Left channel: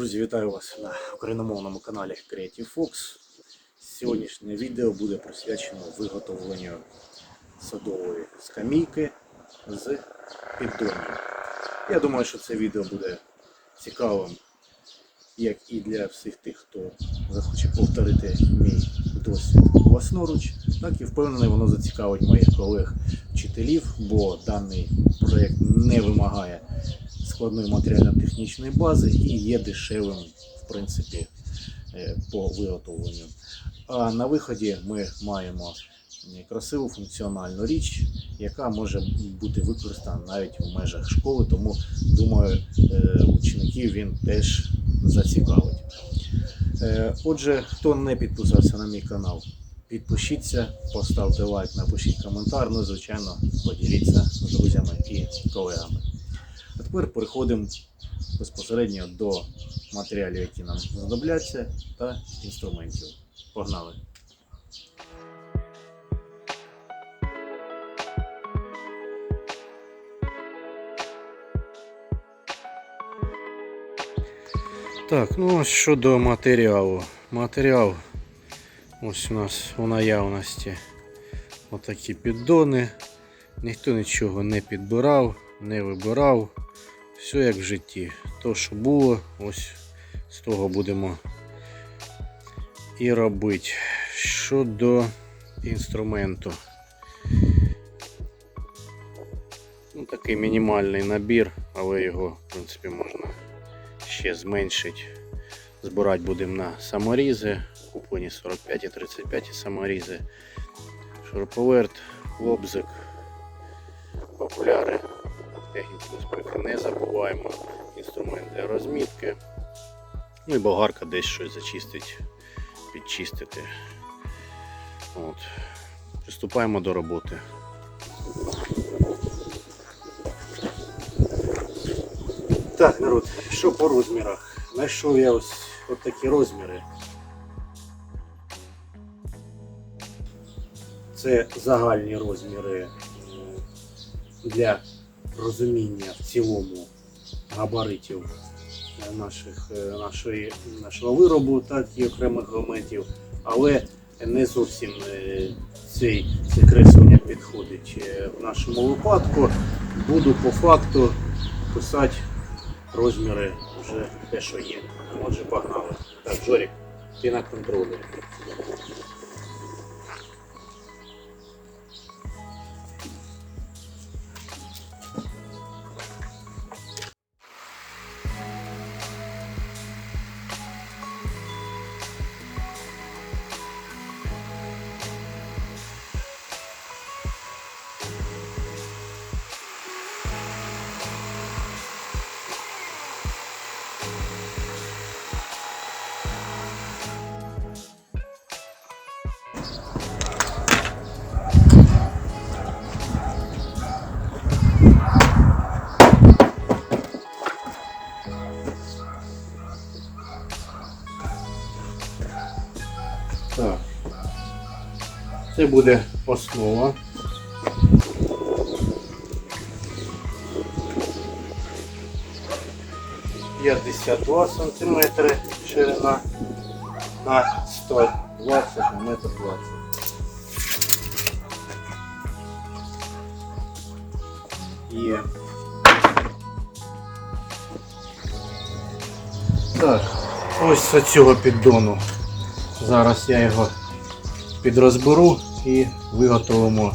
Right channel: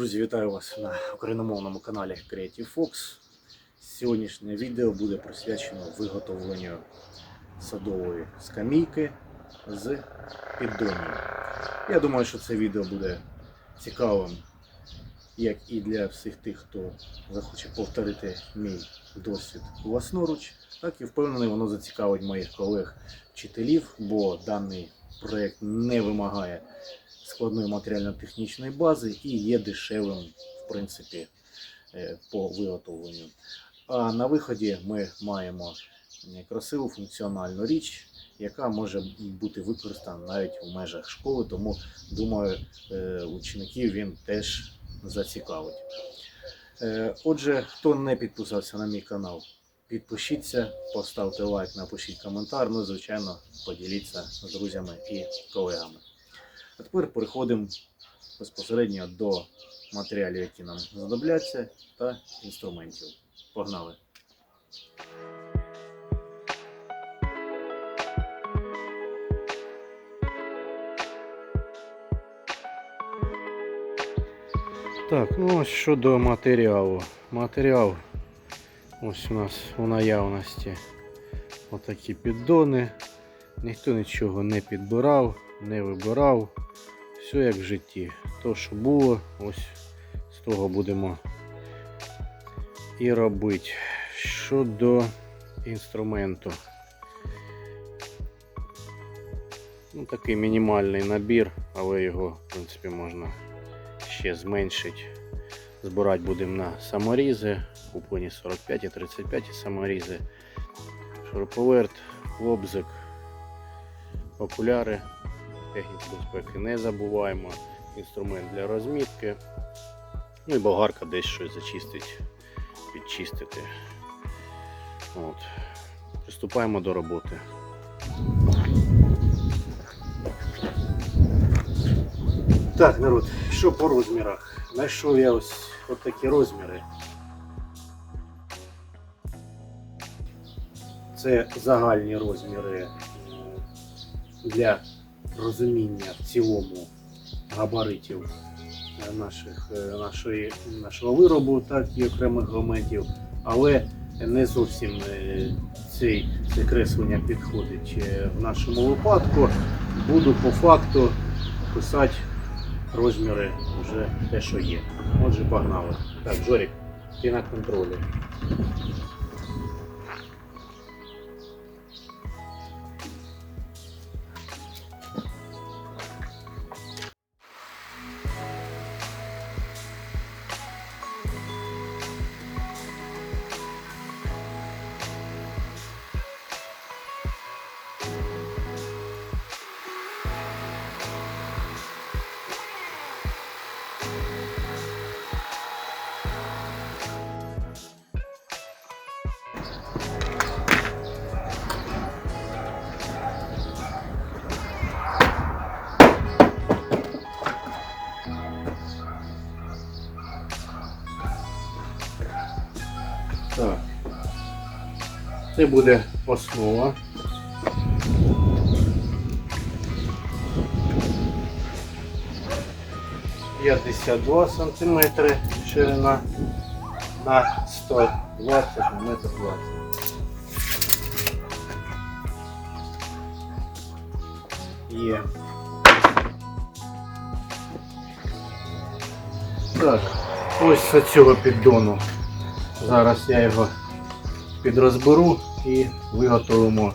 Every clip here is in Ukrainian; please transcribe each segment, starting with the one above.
Друзі, вітаю вас на україномовному каналі Creative Fox. Сьогоднішнє відео буде присвячено виготовленню садової скамійки з піддонів. Я думаю, що це відео буде цікавим як і для всіх тих, хто захоче повторити мій досвід власноруч, так і впевнений, воно зацікавить моїх колег-вчителів, бо даний проєкт не вимагає складної матеріально-технічної бази і є дешевим, в принципі, е, по виготовленню. А на виході ми маємо красиву функціональну річ, яка може бути використана навіть в межах школи, тому думаю, е, учеників він теж зацікавить. Е, Отже, хто не підписався на мій канал, підпишіться, поставте лайк, напишіть коментар, ну і, звичайно, поділіться з друзями і колегами. А тепер переходимо безпосередньо до матеріалів, які нам знадобляться, та інструментів. Погнали! Так, ну ось щодо матеріалу. Матеріал ось у нас у наявності отакі піддони. Ніхто нічого не підбирав, не вибирав. Все як в житті. То, що було, ось з того будемо і робити. Щодо інструменту. Ну, такий мінімальний набір, але його, в принципі, можна ще зменшити. Збирати будемо на саморізи. Куплені 45 і 35 саморізи. Шуруповерт, лобзик, окуляри, техніку безпеки не забуваємо, інструмент для розмітки. Ну і болгарка десь щось зачистить, підчистити. От. Приступаємо до роботи. Так, народ, що по розмірах? Знайшов я ось от такі розміри. Це загальні розміри для розуміння в цілому габаритів е, наших, е, нашої, нашого виробу, так і окремих елементів, але не зовсім е, цей, це креслення підходить в нашому випадку. Буду по факту писати розміри вже те, що є. Отже, погнали. Так, Жорік, ти на контролі. Це буде основа. П'ятдесят два сантиметри ширина на 120 на метр 20. Є. Так, ось з цього піддону Зараз я його підрозберу і виготовимо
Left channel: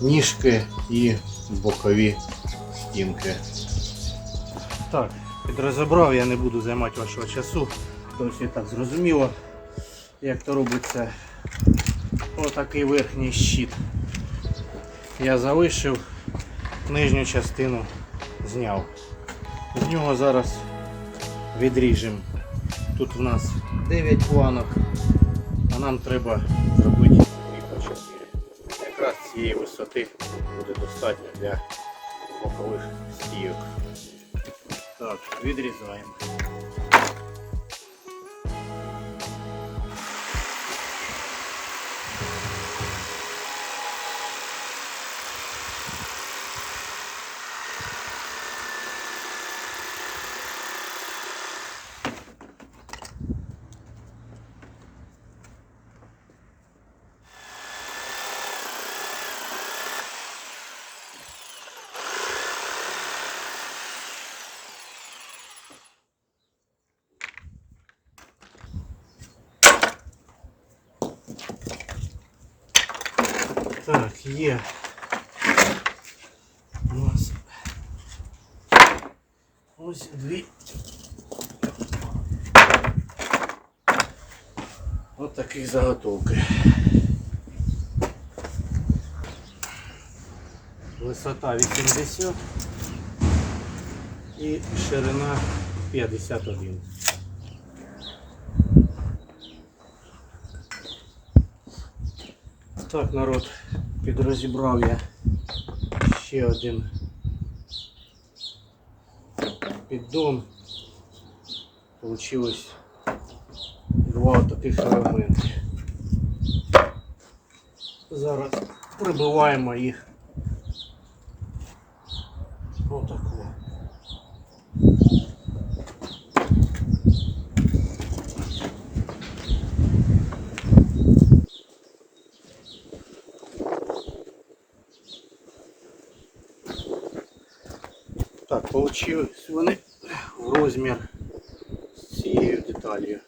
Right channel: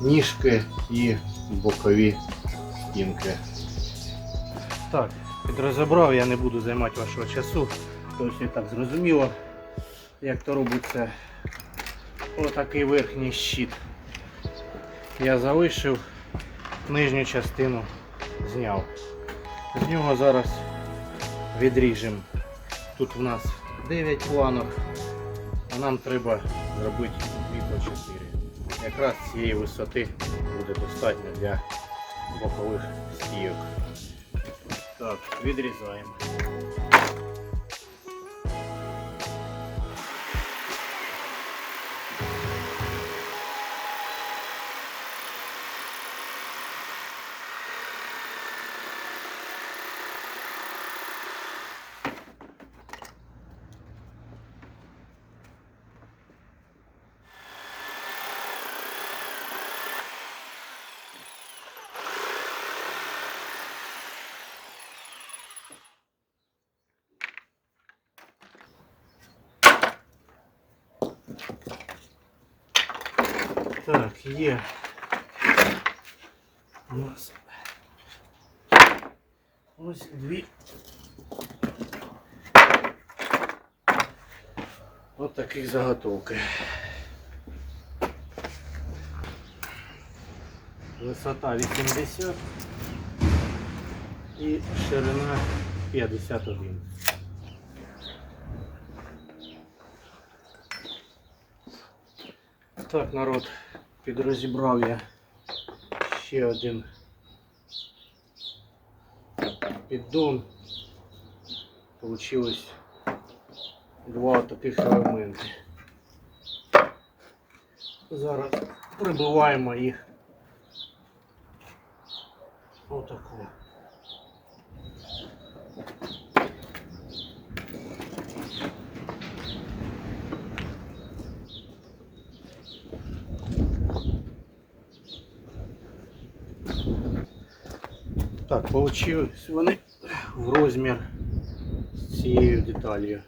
ніжки і бокові стінки. Так, підрозібрав, я не буду займати вашого часу, і так зрозуміло, як то робиться отакий верхній щит. Я залишив нижню частину зняв. З нього зараз відріжемо. Тут в нас 9 планок, а нам треба зробити цієї висоти буде достатньо для бокових стійок. Так, відрізаємо. Так, є. У нас ось дві. Ось таких заготовки. Висота 80 і ширина 51. Так, народ, підрозібрав я ще один піддон. Получилось два таких елементи. Зараз прибиваємо їх отако. Так, получилось вони в розмір з цією деталью.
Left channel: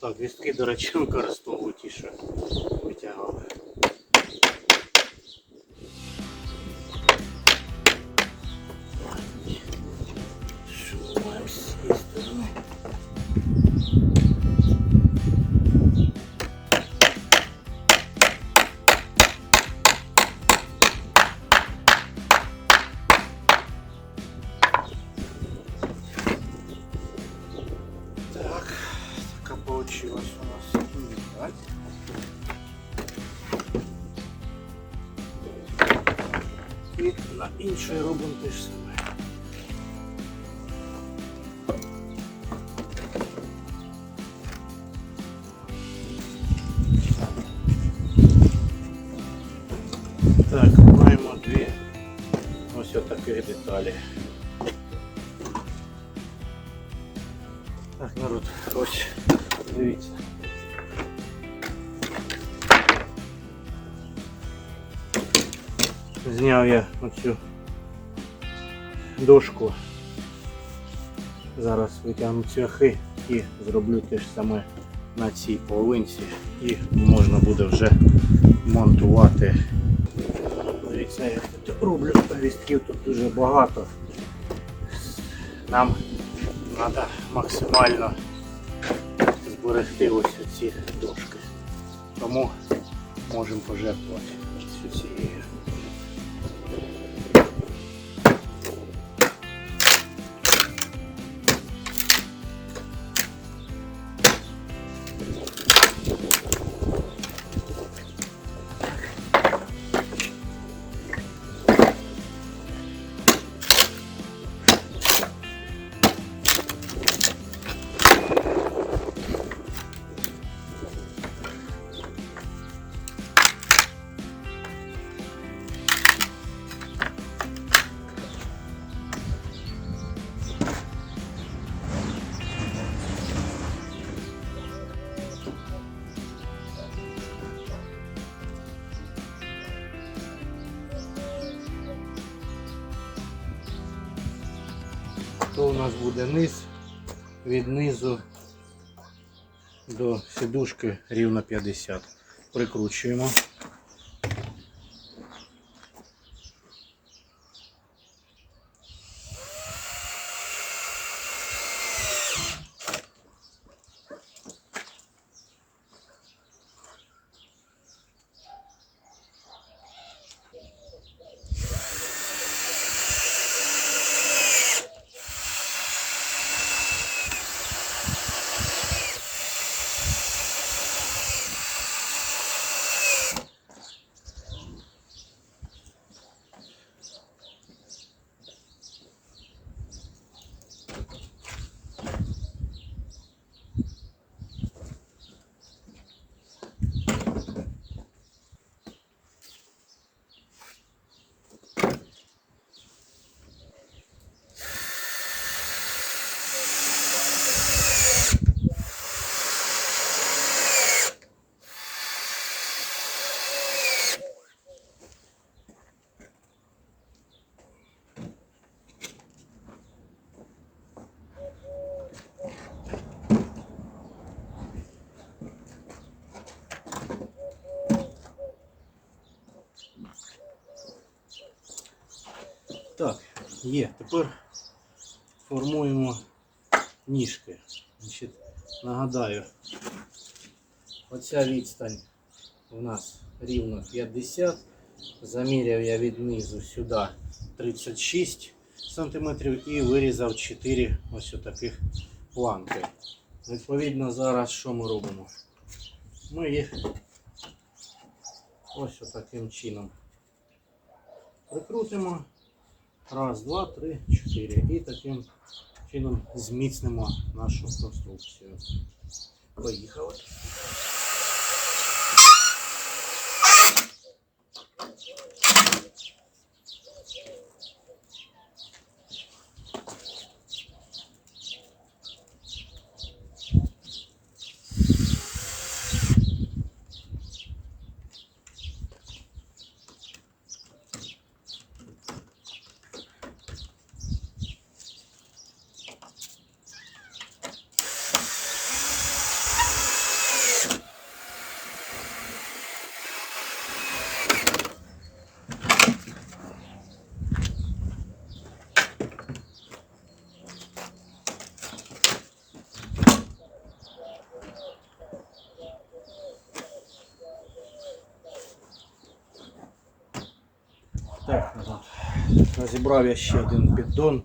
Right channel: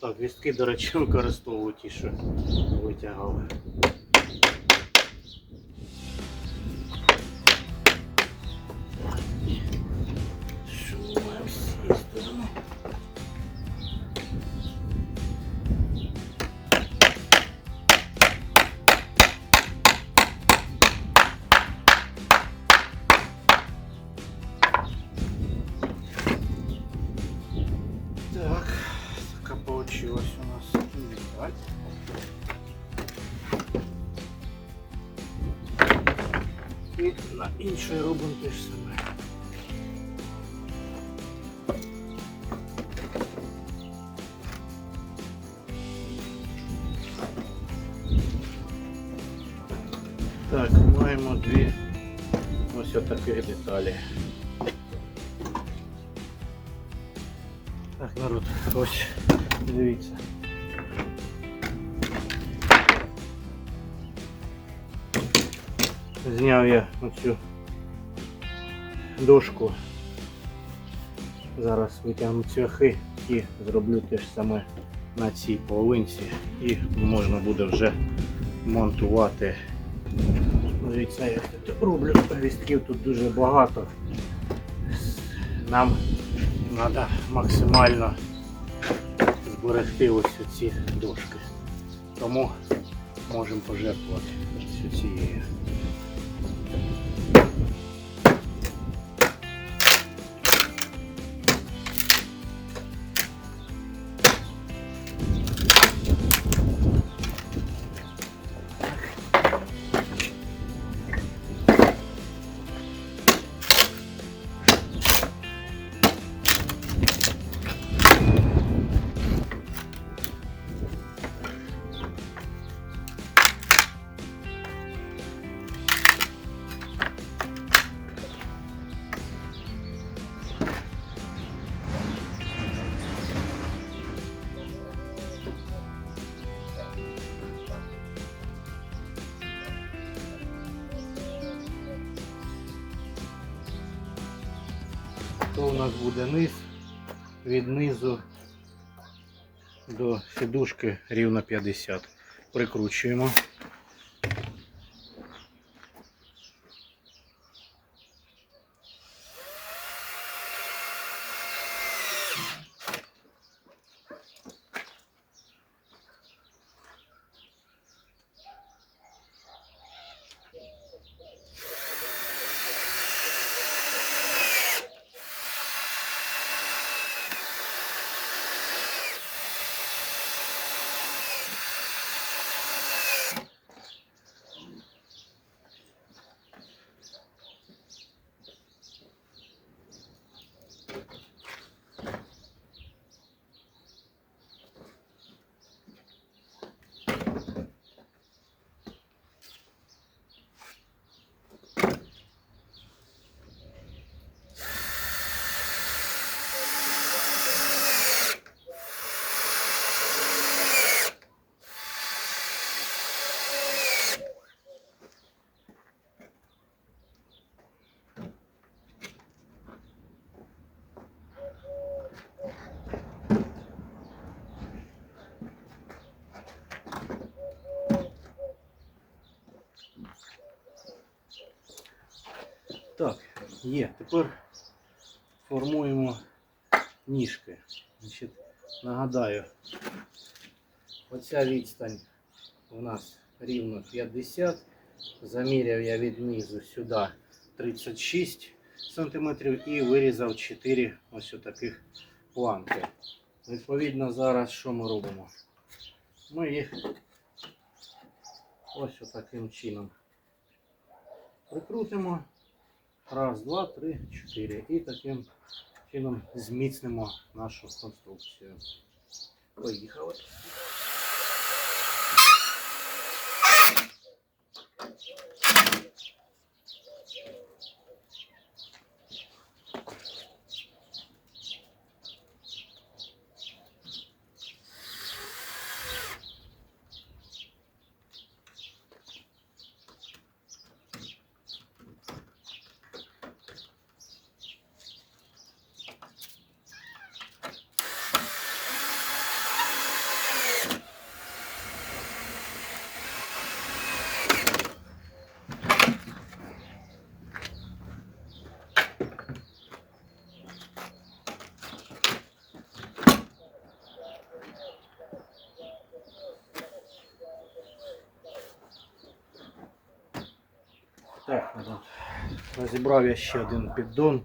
Так, вістки, до речі, використовую ті, що витягав. І на іншої робимо те ж саме. Так, маємо дві ось отаких деталі. Так, народ, ось дивіться. Зняв я оцю дошку. Зараз витягну цвяхи і зроблю те ж саме на цій половинці і можна буде вже монтувати. Дивіться, я тут роблю вістків тут дуже багато. Нам треба максимально зберегти ось ці дошки. Тому можемо пожертвувати цією. Нас буде низ, від низу до сідушки рівно 50. Прикручуємо. Є. Тепер формуємо ніжки. Значить, нагадаю, оця відстань у нас рівно 50. Заміряв я від низу сюди 36 см і вирізав 4 ось таких планки. Відповідно, зараз що ми робимо? Ми їх ось таким чином прикрутимо. Раз, два, три, чотири. І таким чином зміцнимо нашу конструкцію. Поїхали. Так. Розібрав я ще один піддон.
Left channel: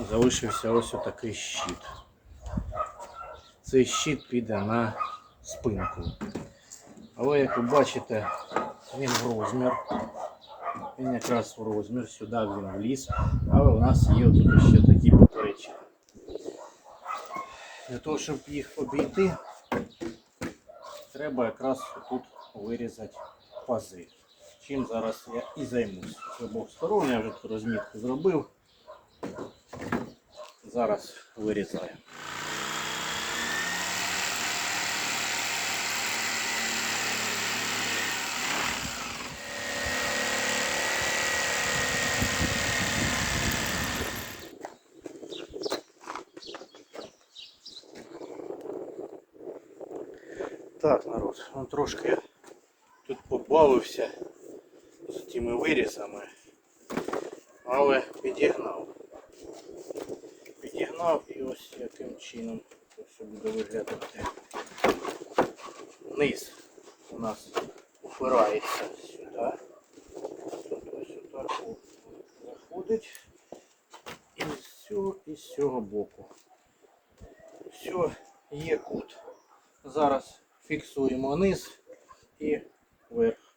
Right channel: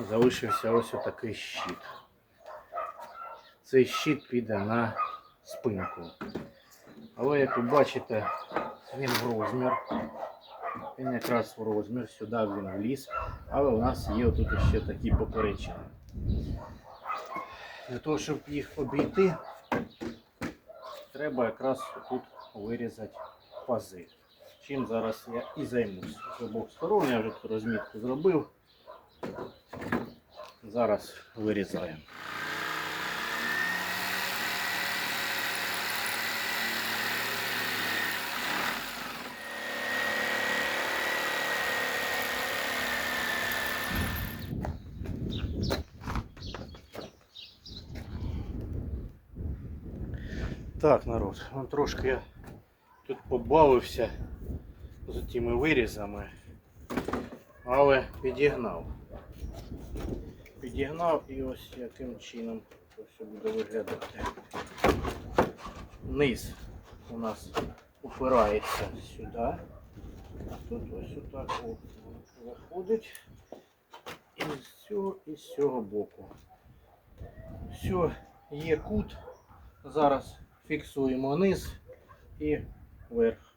І залишився ось отакий щит. Цей щит піде на спинку. Але як ви бачите, він в розмір. Він якраз в розмір, сюди він вліз. Але у нас є тут ще такі поперечини. Для того, щоб їх обійти, треба якраз тут вирізати пази. Чим зараз я і займусь. З обох сторон я вже розмітку зробив. Зараз вирізаємо. Так, народ, ну трошки я тут побавився з тими вирізами, але підігнав. Підігнав і ось яким чином все буде виглядати. Низ у нас упирається сюди. Тут ось отак заходить. І з цього, і з цього боку. Все, є кут. Зараз фіксуємо низ і вверх.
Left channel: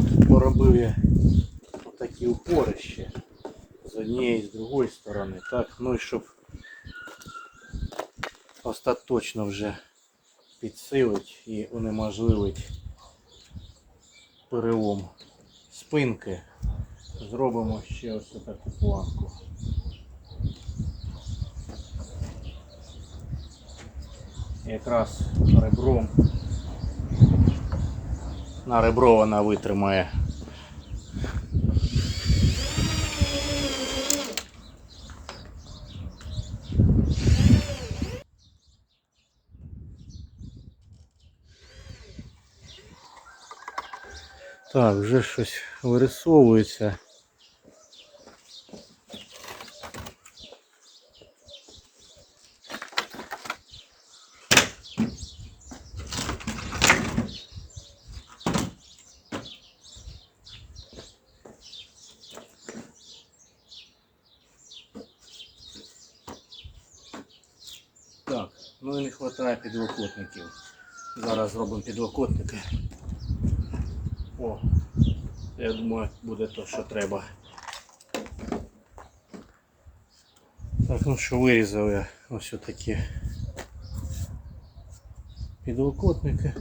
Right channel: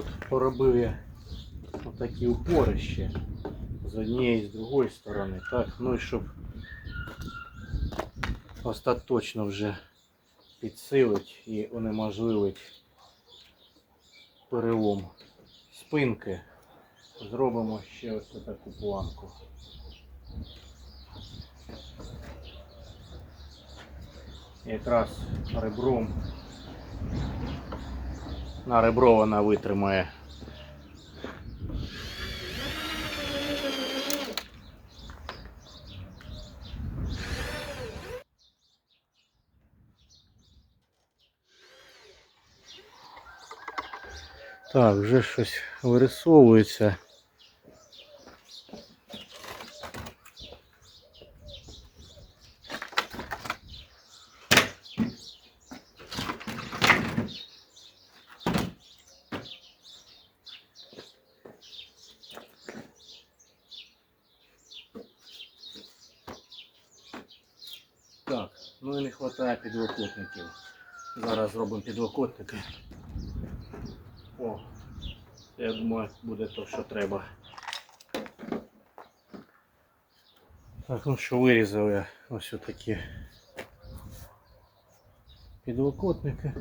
Народ, поробив я отакі упори ще з однієї і з другої сторони. Так, ну і щоб остаточно вже підсилить і унеможливить перелом спинки, зробимо ще ось таку планку. Якраз ребром на ребро вона витримає. Так, вже щось вирисовується. Так, ну і не вистачає підлокотників. Зараз зробимо підлокотники. О, я думаю, буде то, що треба. Так, ну що вирізав я ось такі підлокотники.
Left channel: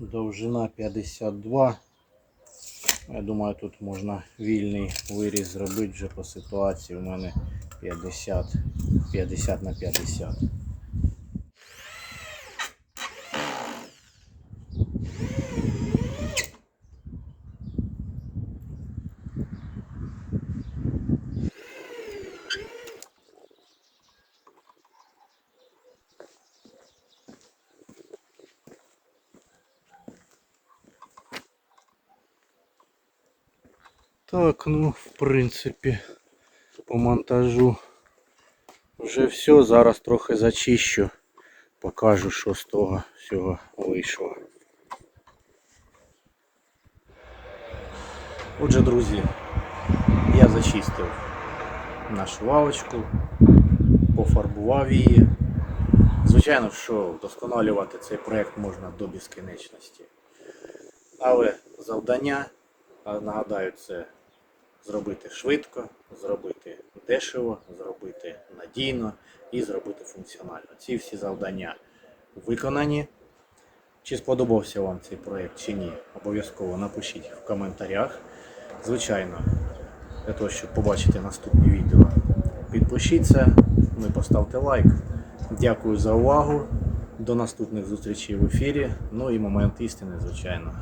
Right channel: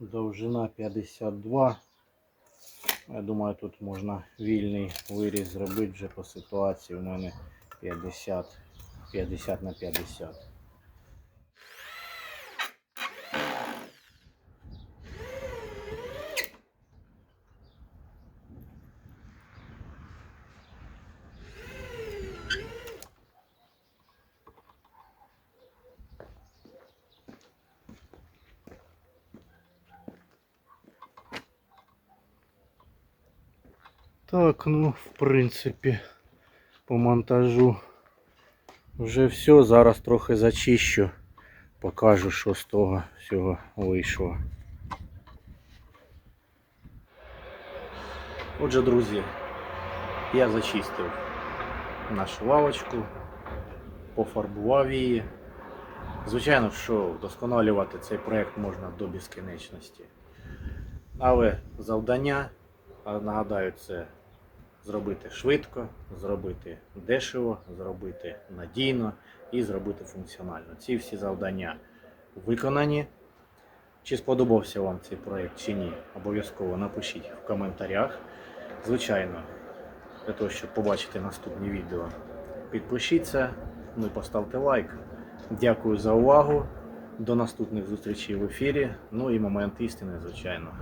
Довжина 52. Я думаю, тут можна вільний виріз зробити вже по ситуації. У мене 50, 50 на 50. Так, ну, в принципі, по монтажу вже все. Зараз трохи зачищу, покажу, що з того всього вийшло. Отже, друзі, я зачистив нашу лавочку, пофарбував її. Звичайно, що вдосконалювати цей проєкт можна до безкінечності. Але завдання, нагадаю, це зробити швидко, зробити дешево, зробити надійно і зробити функціонально. Ці всі завдання виконані. Чи сподобався вам цей проєкт чи ні, обов'язково напишіть в коментарях. Звичайно, для того, щоб побачити наступні відео, підпишіться, ну і поставте лайк. Дякую за увагу. До наступних зустрічей в ефірі. Ну і момент істини, звичайно.